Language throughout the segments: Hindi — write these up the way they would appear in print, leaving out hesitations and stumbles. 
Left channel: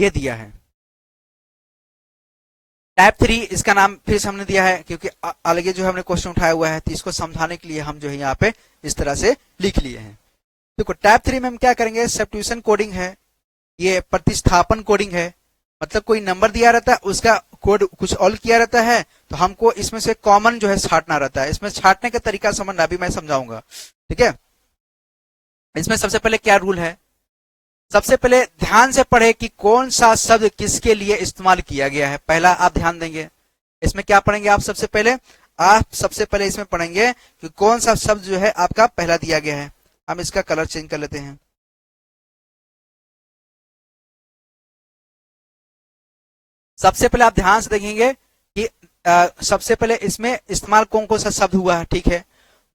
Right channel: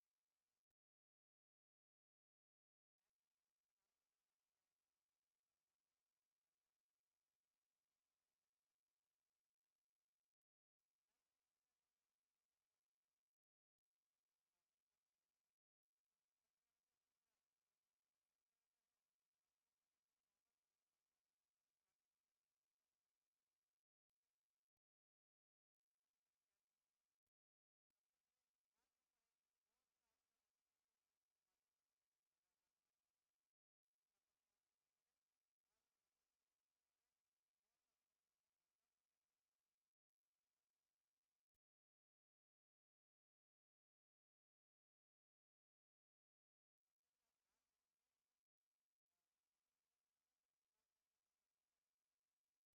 ये दिया है। टाइप 3 इसका नाम फिर से हमने दिया है क्योंकि अलग जो हमने क्वेश्चन उठाया हुआ है, तो इसको समझाने के लिए हम जो है यहाँ पे इस तरह से लिख लिए हैं। देखो टाइप 3 में हम क्या करेंगे, सब्स्टिट्यूशन कोडिंग है, ये प्रतिस्थापन कोडिंग है। मतलब कोई नंबर दिया रहता है, उसका कोड कुछ और किया रहता है, तो हमको इसमें से कॉमन जो है छांटना रहता है। इसमें छांटने का तरीका समझना अभी मैं समझाऊंगा, ठीक है। इसमें सबसे पहले क्या रूल है, सबसे पहले ध्यान से पढ़े कि कौन सा शब्द किसके लिए इस्तेमाल किया गया है, पहला आप ध्यान देंगे। इसमें क्या पढ़ेंगे आप सबसे पहले, इसमें पढ़ेंगे कि कौन सा शब्द जो है आपका पहला दिया गया है। हम इसका कलर चेंज कर लेते हैं। सबसे पहले आप ध्यान से देखेंगे कि सबसे पहले इसमें इस्तेमाल कौन कौन सा शब्द हुआ है, ठीक है।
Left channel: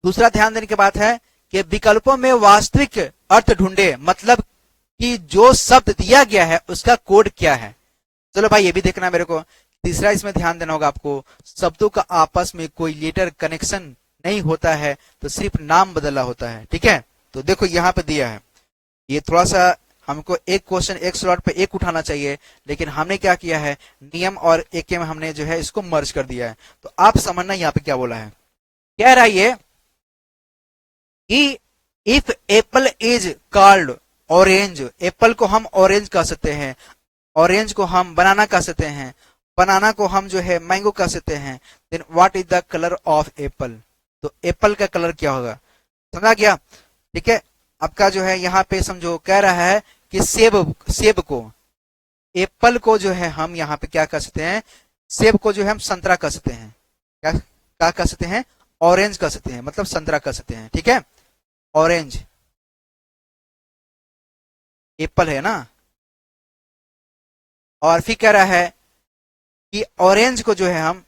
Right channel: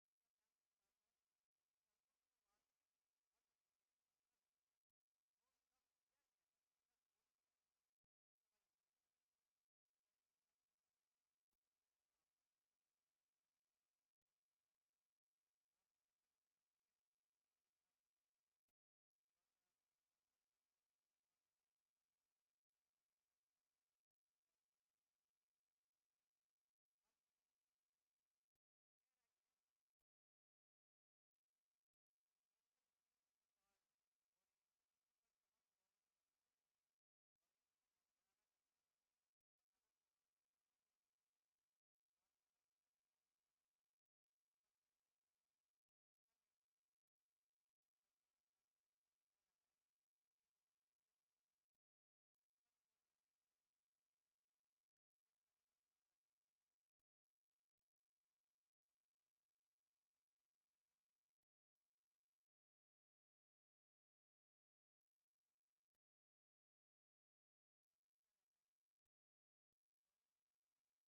दूसरा ध्यान देने की बात है कि विकल्पों में वास्तविक अर्थ ढूंढे, मतलब कि जो शब्द दिया गया है उसका कोड क्या है। चलो भाई ये भी देखना मेरे को। तीसरा इसमें ध्यान देना होगा आपको, शब्दों का आपस में कोई लेटर कनेक्शन नहीं होता है, तो सिर्फ नाम बदला होता है, ठीक है। तो देखो यहाँ पे दिया है, ये थोड़ा सा हमको एक क्वेश्चन एक स्लॉट पे एक उठाना चाहिए, लेकिन हमने क्या किया है, नियम और एक में हमने जो है इसको मर्ज कर दिया है। तो आप समझना यहाँ पे क्या बोला है, कह रहा है ये कि if Apple is called orange, Apple को हम ऑरेंज कह सकते हैं, ऑरेंज को हम बनाना कह सकते हैं, बनाना को हम जो है मैंगो कह सकते हैं, then what is the colour of apple, तो एप्पल का कलर क्या होगा, समझा गया, ठीक है। आपका जो है यहाँ पे समझो कह रहा है कि सेब को, एप्पल को जो है हम यहाँ पे क्या कह सकते हैं, सेब को जो है हम संतरा कह सकते हैं, क्या कह सकते हैं, ऑरेंज कह सकते हैं, मतलब संतरा कह सकते हैं, ठीक है। ऑरेंज एप्पल है ना, और फिर कह रहा है कि ऑरेंज को जो है हम,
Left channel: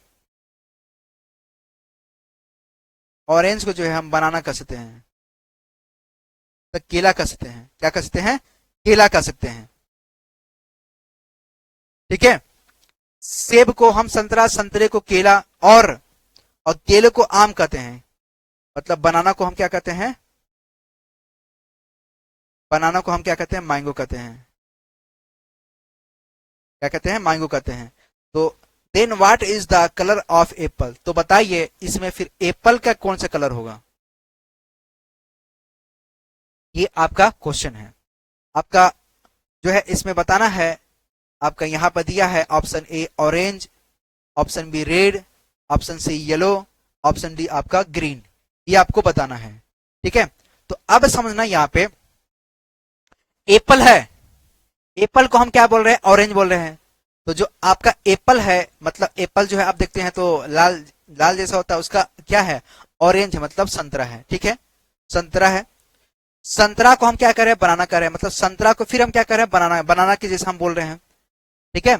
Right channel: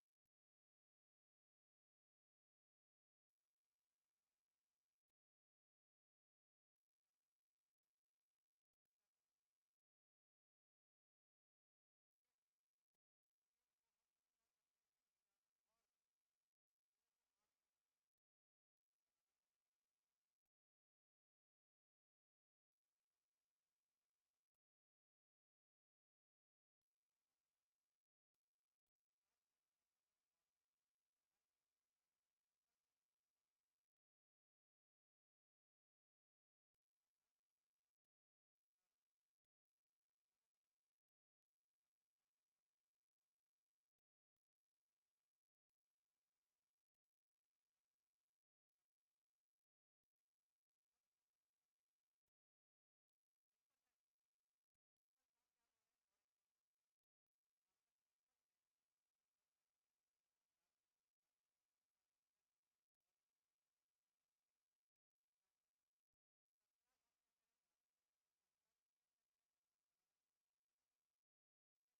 ऑरेंज को जो है हम बनाना कह सकते हैं, तो केला कह सकते हैं, क्या कह सकते हैं, केला कह सकते हैं, ठीक है। सेब को हम संतरा, संतरे को केला, और केले को आम कहते हैं, मतलब बनाना को हम क्या कहते हैं, बनाना को हम क्या कहते हैं, मैंगो कहते हैं, क्या कहते हैं, मैंगो कहते हैं। तो then what is the colour of apple, तो बताइए इसमें फिर एप्पल का कौन सा कलर होगा, ये आपका क्वेश्चन है। आपका जो है इसमें बताना है, आपका यहाँ पर दिया है option A orange, option B red, option C yellow, option D आपका ग्रीन, ये आपको बताना है, ठीक है। तो अब समझना यहाँ पे एप्पल है, एप्पल को हम क्या बोल रहे हैं, ऑरेंज बोल रहे हैं। तो जो आपका एप्पल है, मतलब एप्पल जो है आप देखते हैं तो लाल लाल जैसा होता है, उसका क्या है, ऑरेंज है, मतलब संतरा है, ठीक है, संतरा है। संतरा को हम क्या कर रहे हैं, बनाना कर रहे हैं, मतलब संतरा को फिर हम क्या कर रहे हैं, बनाना, बनाना के जैसे हम बोल रहे हैं, ठीक है।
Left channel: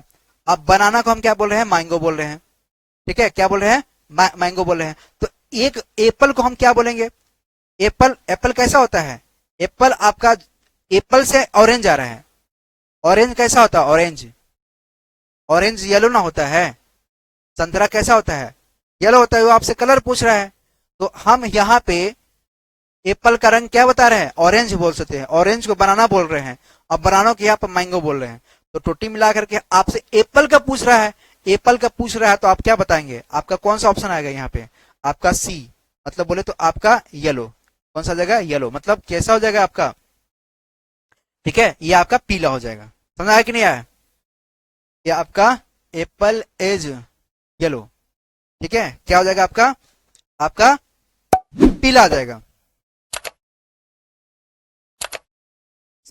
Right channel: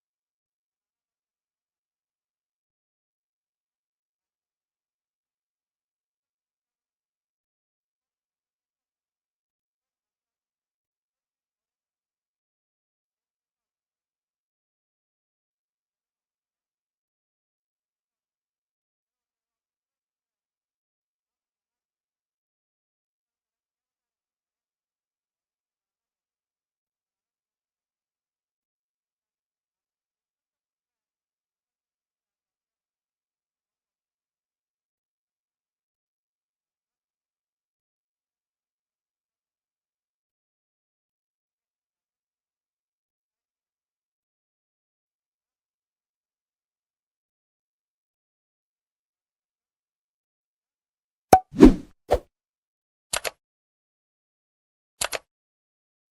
अब बनाना को हम क्या बोल रहे हैं, मैंगो बोल रहे हैं, ठीक है, क्या बोल रहे हैं, मैंगो बोल रहे हैं। तो एक एप्पल को हम क्या बोलेंगे, एप्पल, एप्पल कैसा होता है, एप्पल आपका, एप्पल से ऑरेंज आ रहा है, ऑरेंज कैसा होता है, ऑरेंज, ऑरेंज येलो ना होता है, संतरा कैसा होता है, येलो होता है, वो आपसे कलर पूछ रहा है। तो हम यहाँ पे एप्पल का रंग क्या बता रहे हैं, ऑरेंज बोल सकते हैं, ऑरेंज को बनाना बोल रहे हैं, और बनाना को यहाँ पर मैंगो बोल रहे हैं। तो टोटी मिला करके आपसे एप्पल का पूछ रहा है, एप्पल का पूछ रहा है, तो आप क्या बताएंगे, आपका कौन सा ऑप्शन आएगा यहाँ पे, आपका सी, मतलब बोले तो आपका येलो, कौन सा जगह, येलो, मतलब कैसा हो जाएगा आपका, ठीक है, ये आपका पीला हो जाएगा। समझ आया कि नहीं आया, ये आपका एप्पल इज येलो, ठीक है, क्या हो जाएगा आपका, आपका पीला आ जाएगा।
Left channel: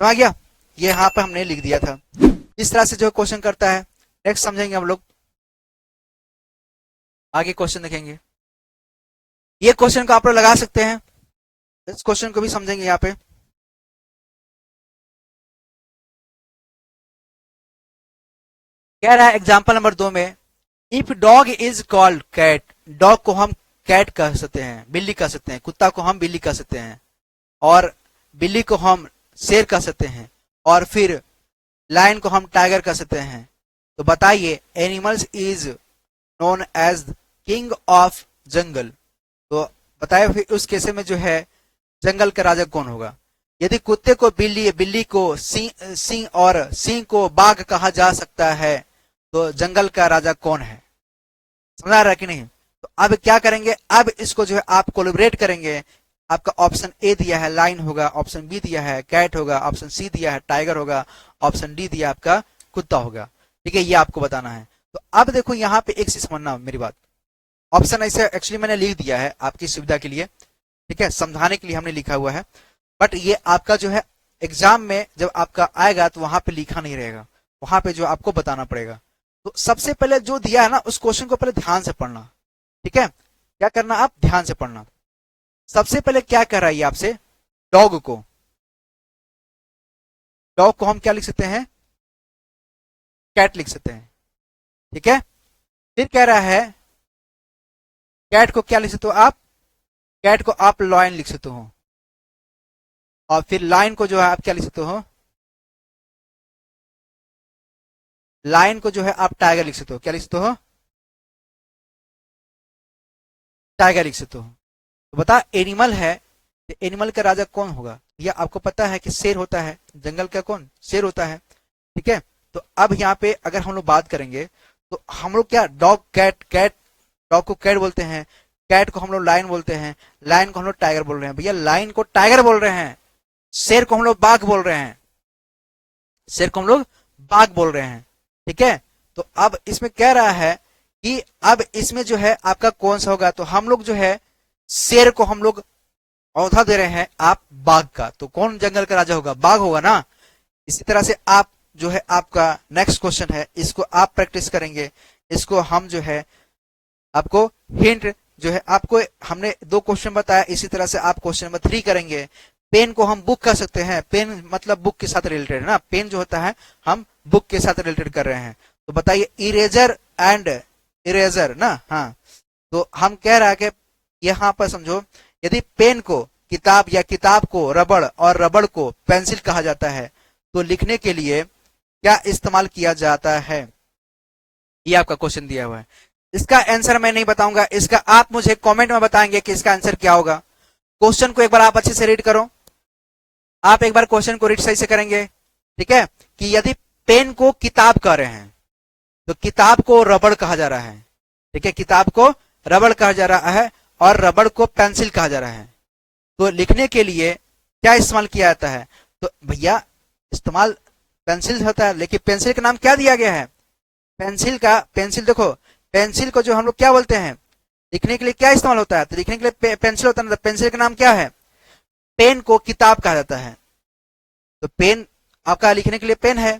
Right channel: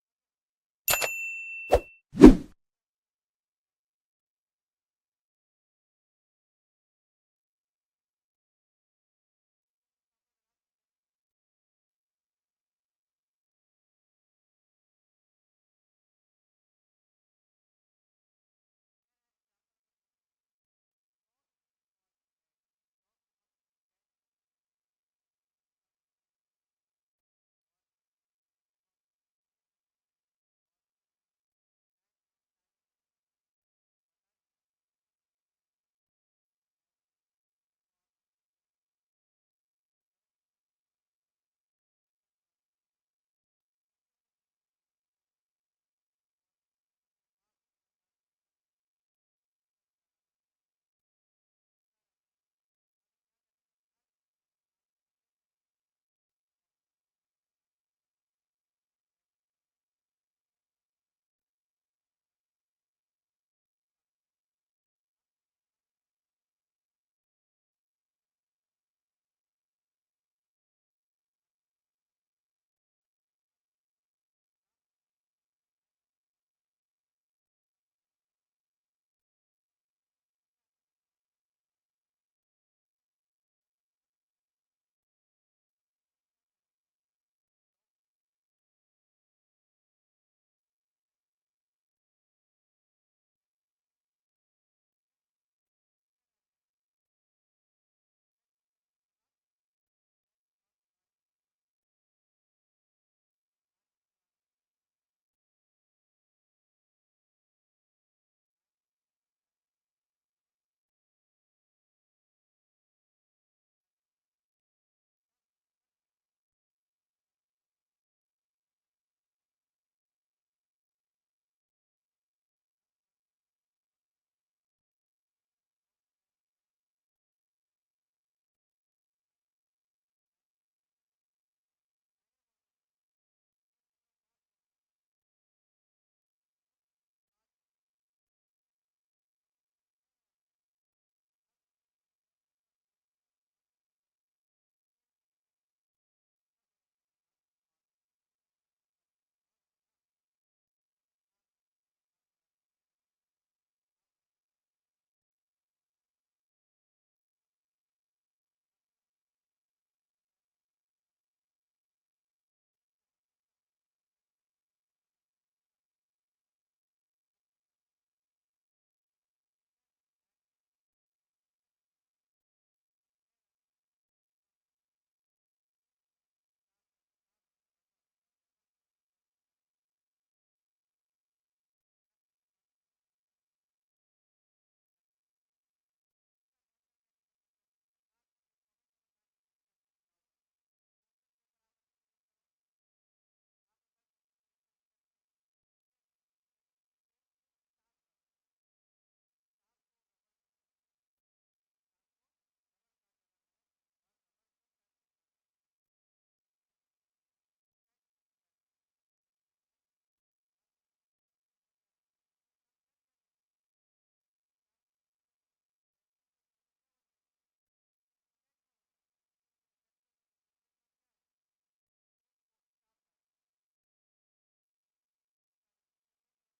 समझ गया, ये यहाँ पे हमने लिख दिया था। इस तरह से जो क्वेश्चन करता है, नेक्स्ट समझेंगे हम लोग, आगे क्वेश्चन देखेंगे। ये क्वेश्चन को आप लोग लगा सकते हैं, इस क्वेश्चन को भी समझेंगे यहाँ पे। कह रहा है एग्जाम्पल नंबर 2 में, if dog is called cat, dog को हम कैट कह सकते हैं, बिल्ली कह सकते हैं, कुत्ता को हम बिल्ली कह सकते हैं, और बिल्ली को हम शेर कह सकते हैं, और फिर लायन को हम टाइगर कह सकते हैं। तो बताइए animals is known as king of jungle, तो बताइए फिर उस केस में जो है जंगल का राजा कौन होगा। यदि कुत्ते को बिल्ली, बिल्ली को सिंह, सिंह और सिंह को बाघ कहा जा सकता है, तो जंगल का राजा कौन है? समझ आ रहा है कि नहीं? तो अब क्या करेंगे, अब इसको जो है आप कोलिब्रेट करेंगे। आपका ऑप्शन ए दिया है लाइन होगा, ऑप्शन बी दिया है कैट होगा, ऑप्शन सी दिया है टाइगर होगा, ऑप्शन डी दिया आपका कुत्ता होगा। ठीक है, ये आपको बताना है। तो अब देखो यहाँ पे एक चीज समझना मेरी बात, ऑप्शन ऐसे एक्चुअली मैंने लिख दिया है आपकी सुविधा के लिए, ठीक है, समझाने के लिए हमने लिखा हुआ है, बट ये आपका जो है एग्जाम में जब आपका आएगा तो वहां पे लिखा नहीं रहेगा, वहां पे जो आपको बताना पड़ेगा। तो सबसे पहले जो दिया है ना उस क्वेश्चन को पहले ध्यान से पढ़ना। ठीक है, क्या करना, आप ध्यान से पढ़ना। सबसे पहले क्या कह रहा है ये आपसे, डॉग को, डॉग को हम क्या लिख सकते हैं, कैट लिख सकते हैं। ठीक है, फिर कह रहा है कैट को क्या लिख सकते हो आप, कैट को आप लॉयन लिख सकते हो, और फिर लाइन को जो है आप क्या लिख सकते हो, लाइन को जो है आप टाइगर लिख सकते हो। क्या लिख सकते हो, टाइगर लिख सकते हो। तो बता एनिमल है, तो एनिमल का राजा कौन होगा? यह आपको पता है कि शेर होता है, जंगल का कौन, शेर होता है। ठीक है, तो अब यहाँ पे अगर हम लोग बात करेंगे तो हम लोग क्या, डॉग कैट, कैट डॉग को कैट बोलते हैं, कैट को हम लोग लाइन बोलते हैं, लाइन को हम लोग टाइगर बोल रहे हैं। भैया लाइन को टाइगर बोल रहे हैं, शेर को हम लोग बाघ बोल रहे हैं, शेर को हम लोग बाघ बोल रहे हैं। ठीक है, तो अब इसमें कह रहा है कि अब इसमें जो है आपका कौन सा होगा, तो हम लोग जो है शेर को हम लोग औधा दे रहे हैं, आप बाघ का, तो कौन जंगल का राजा होगा, बाघ होगा ना। इसी तरह से आप जो है आपका नेक्स्ट क्वेश्चन है, इसको आप प्रैक्टिस करेंगे, इसको हम जो है आपको हिंट जो है, आपको हमने 2 क्वेश्चन बताया, इसी तरह से आप क्वेश्चन नंबर 3 करेंगे। पेन को हम बुक कर सकते हैं, पेन मतलब बुक के साथ रिलेटेड है ना, पेन जो होता है हम बुक के साथ रिलेटेड कर रहे हैं। तो बताइए इरेजर एंड इरेजर ना, हाँ, तो हम कह रहा है कि यहाँ पर समझो, यदि पेन को किताब या किताब को रबड़ और रबड़ को पेंसिल कहा जाता है, तो लिखने के लिए क्या इस्तेमाल किया जाता है? ये आपका क्वेश्चन दिया हुआ है। इसका आंसर मैं नहीं बताऊंगा, इसका आप मुझे कमेंट में बताएंगे कि इसका आंसर क्या होगा। क्वेश्चन को एक बार आप अच्छे से रीड करो, आप एक बार क्वेश्चन को रीड सही से करेंगे। ठीक है, कि यदि पेन को किताब कह रहे हैं तो किताब को रबड़ कहा जा रहा है। ठीक है, किताब को रबड़ कहा जा रहा है और रबड़ को पेंसिल कहा जा रहा है, तो लिखने के लिए क्या इस्तेमाल किया जाता है? तो भैया इस्तेमाल पेंसिल होता है, लेकिन पेंसिल का नाम क्या दिया गया है, पेंसिल का, पेंसिल देखो, पेंसिल को जो हम लोग क्या बोलते हैं, लिखने के लिए क्या इस्तेमाल होता है, तो लिखने के लिए पेंसिल होता है ना, तो पेंसिल का नाम क्या है, पेन को किताब कहा जाता है। तो पेन आपका लिखने के लिए पेन है,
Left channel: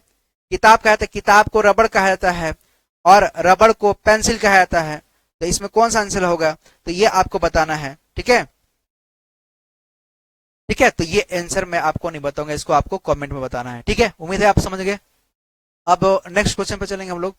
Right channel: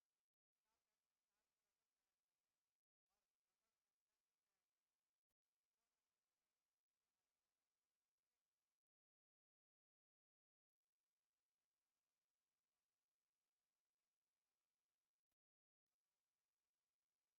किताब कहा जाता है, किताब को रबड़ कहा जाता है और रबड़ को पेंसिल कहा जाता है। तो इसमें कौन सा आंसर होगा, तो ये आपको बताना है। ठीक है, ठीक है, तो ये आंसर मैं आपको नहीं बताऊंगा, इसको आपको कमेंट में बताना है। ठीक है, उम्मीद है आप समझ गए। अब नेक्स्ट क्वेश्चन पे चलेंगे हम लोग।